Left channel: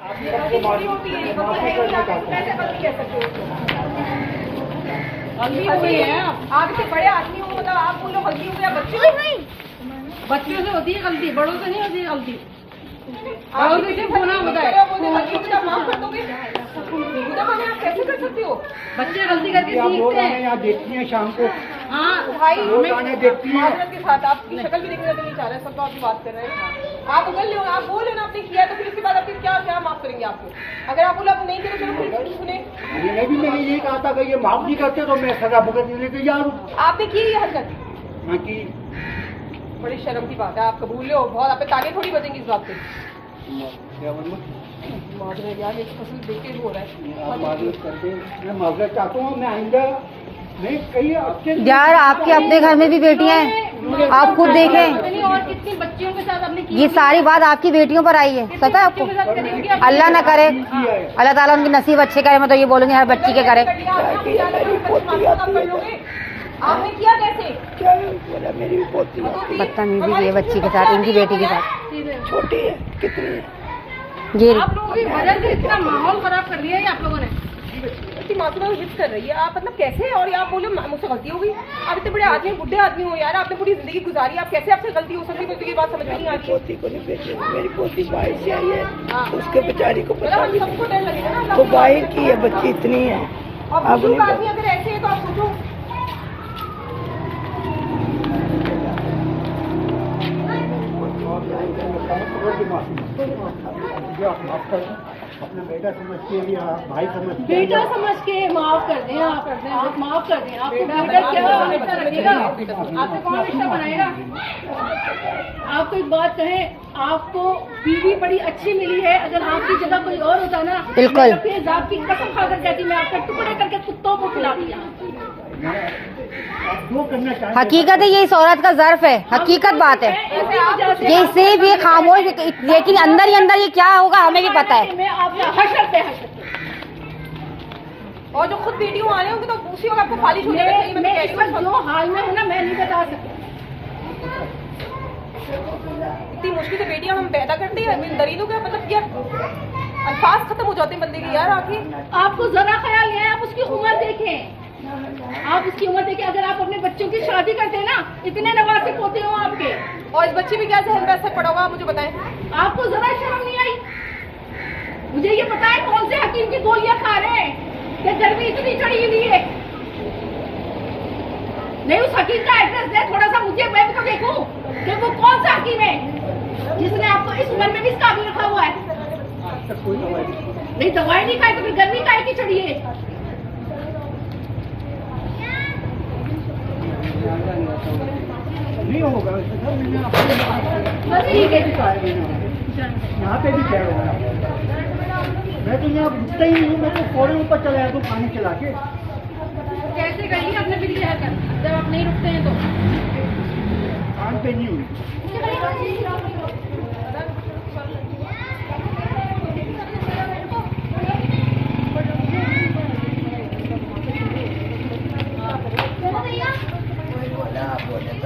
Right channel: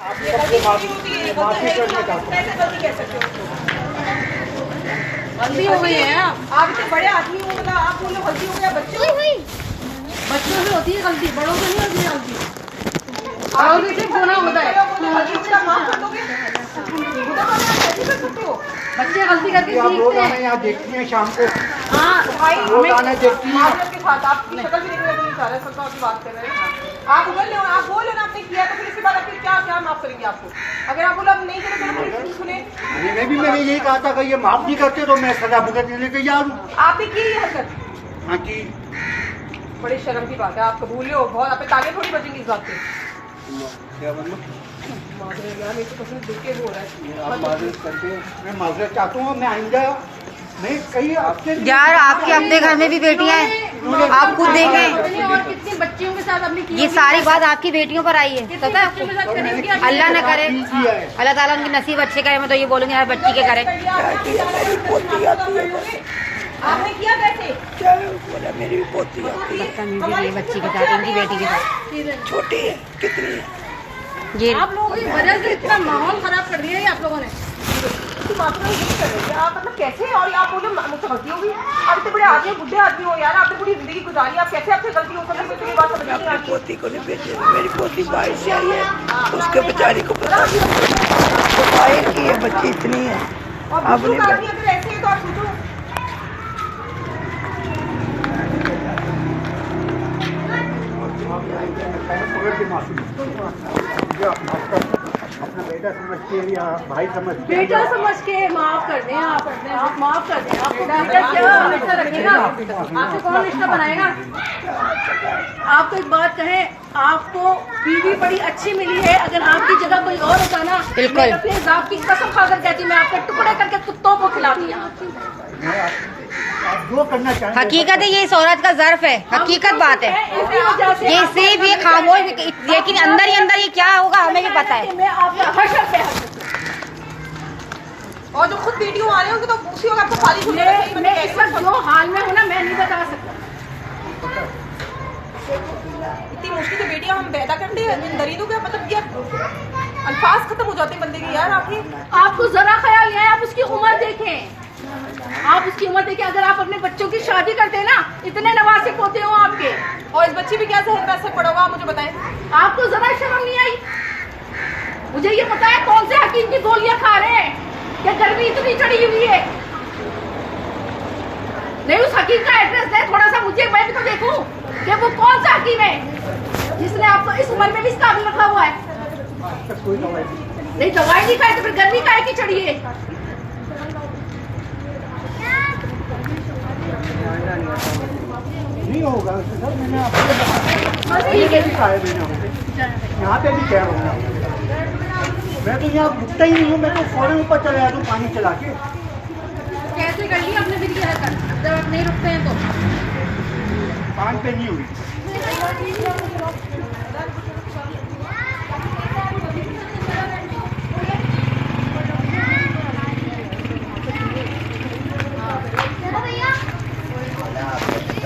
गलती हो गई है। आप तो बड़े आदमी हो, मतलब आप बोलो गलती हो गया। बच्चों से होती है गलती, बड़ों से नहीं होती है गलती। और किसी होना होता है, माफ कर दोगे? कैसे कर सकते हो? बच्चे गलती करके सीखते हैं। यहाँ देखती हैं शाम को, हाँ भाई देखती हैं। माजरत के साथ आपकी शक्ल भी देखने को नहीं चाह रहे, सब की बात कर रहे हैं। आप उगल ले, आप बोलो ना आपने किया, तो फिर इसके बाद आपकी क्या माफ करेंगे आपको? अगर आप बोलो आप नहीं करें तो फिर सुने। मैंने यही कहा था कि ये माफ नहीं करते तो मैं सजा भुगतने लेके जा रहा हूँ। आपने की ये हरकत? हाँ की। बड़ी शर्म की बात है, आप कबूल हो बहुत, आप तागे थोड़ी बचेंगे इस बात पे। क्या मतलब? यार देख के हो रहा है। मैं माजरत चाहता हूँ, मैं आइंदा मैं कहीं आपके यार आपके अपने घर में भी बेटियां हैं, आप खुद देखें। और कितनी बच्चियों के साथ अपनी ये सारी बात आपकी बेटियों पर आई है, पता है आपको? अल्लाह न करे, अल्लाह ताला उनकी नसीब अच्छे करे। मैं तो ये बोलूंगी हर बच्ची के करे। आपने किया कैसे? मेरी पोती बदतमीजी की है बच्ची के साथ, इनकी बेटी के साथ। छोटी है, कितनी है? ये आप लोगों की वजह से इतना माहौल खराब कर दिया है आप लोगों ने। इतनी मात्रा में कर रही है आप, मतलब कैसे? और आप बोले मुझसे गलती हो गई? आप इतने बड़े आदमी, बुढ़े आदमी हो यार, आपने पूरी जिंदगी गुजारी, आप कैसे आपसे गलती हो सकती है? मुझे ये बात समझ नहीं आती। पोती को नहीं बेटे, मेरी पोती बाहर से आई है, उसके बेचारी को पता नहीं तो बाहर की है, बच्ची इतनी है। और बुजुर्ग आदमी अगर ऐसे है तो आप सोचो। अपना बेटा समझ के या भाई समझ के, बेटा समझ के माफ कर दें, आप माफ कर दें। आपको बेटा क्या रिश्ता रखेगा? आपको कौन रिश्ता बनाएगा? आपको एक बात कहें, आपको बीवी बड़ी अच्छी मिली है। अगर आपकी जगह कोई और होता ना, बिल्कुल अपने जात की कसम खाकर कहती मैं आपके टुकड़े करके कुत्तों को खिलाती हूँ। जो करना चाहिए। हकीकत है, ये इस औरत का ज़र्फ है, हकीकत बात है। ये सिर्फ ये खामोश, लेकिन अंदर ही अंदर ये क्या होगा हमें भी पता है। मैं आपका हशर पे और जो खुद वीडियो आ रहे होंगे तो उसी वक्त आपको खाली छोड़ देंगे। मैं इस वक्त जो हाल में हूँ ना, मैं नहीं बता सकता। इतनी मुश्किल से बेटियां हम पैदा करते हैं, दरीदों का मतलब क्या अल्फाज खत्म हो जाते हैं बंदे के यार। आखिर आपको जरा ख्याल नहीं है, आप उसकी उम्र देखें, आप उसकी उम्र देखें। अगर आप अपने बच्चों की शादी करते हैं ना, इतने नवासिक होते हो आपके, और इस बच्ची पे क्या जहन पे असर पड़ा होगा आप मुझे बताएं। आपको जरा शर्म नहीं आई? मुझे ये पता है कौन से हकीम की गोलियां खा रहे हैं कि गर्मी इतनी चढ़ी हुई है। नहीं, उस हकीम का एड्रेस दे थोड़ा सा, मुझे मैं भी तो देखूं कि वो कौन सा हकीम है जिसने आपको इस उम्र में भी इस काबिल रखा हुआ है। नहीं, दवाई नहीं खाई तो फिर गर्मी काहे की चढ़ी है? नहीं होगा सर, मैंने आपको यहाँ पे भी कह रहा हूँ। मैं तो यहाँ रुकता ही नहीं हूँ, मैं तो फौरन ऊपर चला जाता हूँ पानी चला के। कैसे करिए अपने बिल की हरकत जब आप नहीं रुकते हैं तो? कान पे नहीं हुई।